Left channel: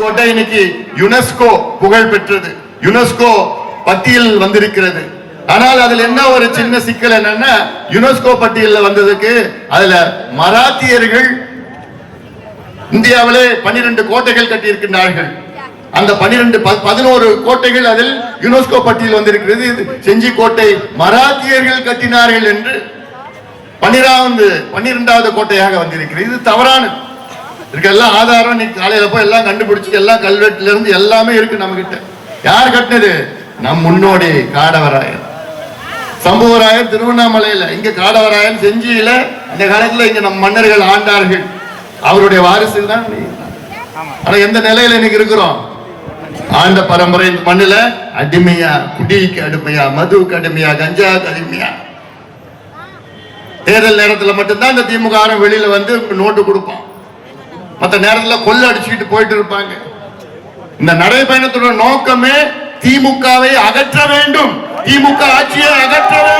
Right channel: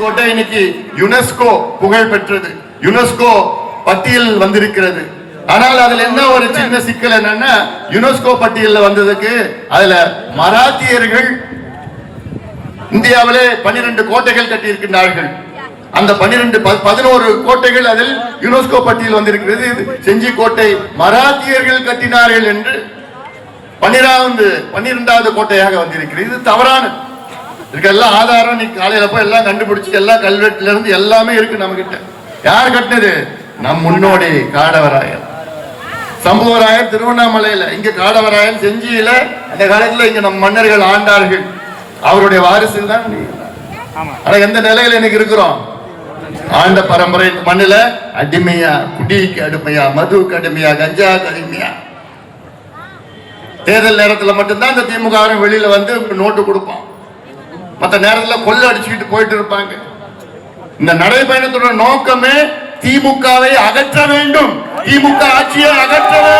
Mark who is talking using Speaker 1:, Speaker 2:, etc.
Speaker 1: கோட்டை இன்னைக்கு யுனெஸ்கோ புகழ் பெற்றது. யுனெஸ்கோ பட்டியல் வந்திருக்கிறது. ஆனால் அதுல என்ன ஒரு சின்ன சிக்கல் என்னன்னா யுனெஸ்கோ பட்டியல்ல வந்ததுக்கு அதுல மராத்தியர்கள் இந்தியாவிலே பன்னிரண்டு கோட்டைகள் கட்டியிருக்கின்றார்கள். அந்த பனிரெண்டு பதினோரு கோட்டைகள் அதில் யுனெஸ்கோ பட்டியல் வந்திருக்கிறது. செஞ்சி கோட்டை மராத்தியர்கள் கட்டினார்கள் என்று பன்னிராவது பன்னிரெண்டாவது கோட்டையாக வந்திருக்கிறது. இது தவறான இதுக்கெல்லாம் ஆதாரம் நீ காலையில போய் எல்லாம் கண்டுபிடிச்சு எல்லாம் கல்வெட்டுல இருந்து எல்லாமே இருக்கு நம்ம கிட்ட யார் கட்டினது? நம் முன்னோடி காடவராயர் சம்புவராயர் திருவண்ணாமலையில இங்க காடவராயன் செஞ்சியில அந்த காலத்துல இங்க நம் மன்னர்கள் ஆண்டார்கள். அவருடைய வாரிசு தான் நீ. ஆனா எந்த நிலையில இன்னைக்கு இருக்கிறோம்? ஆண்ட பரம்பரை மண்ணுல அடிமையா குடிக்கு அடிமையா மதுவுக்கு அடிமையா கஞ்சாவுக்கு அடிமையா. தேர்தல் நேரத்துல மட்டும்தான் இந்த திமுக வெளியில வந்து நோட்டு கொடுப்போம் மத்த நேரத்தில் கொள்ள அடிச்சுக்கிட்டு போயிட்டு இருப்பாங்க. இந்த நடைபயணத்தோட நோக்கமே திமுகவை அகற்ற வேண்டும். திமுக ஆட்சியை அகற்ற வேண்டும்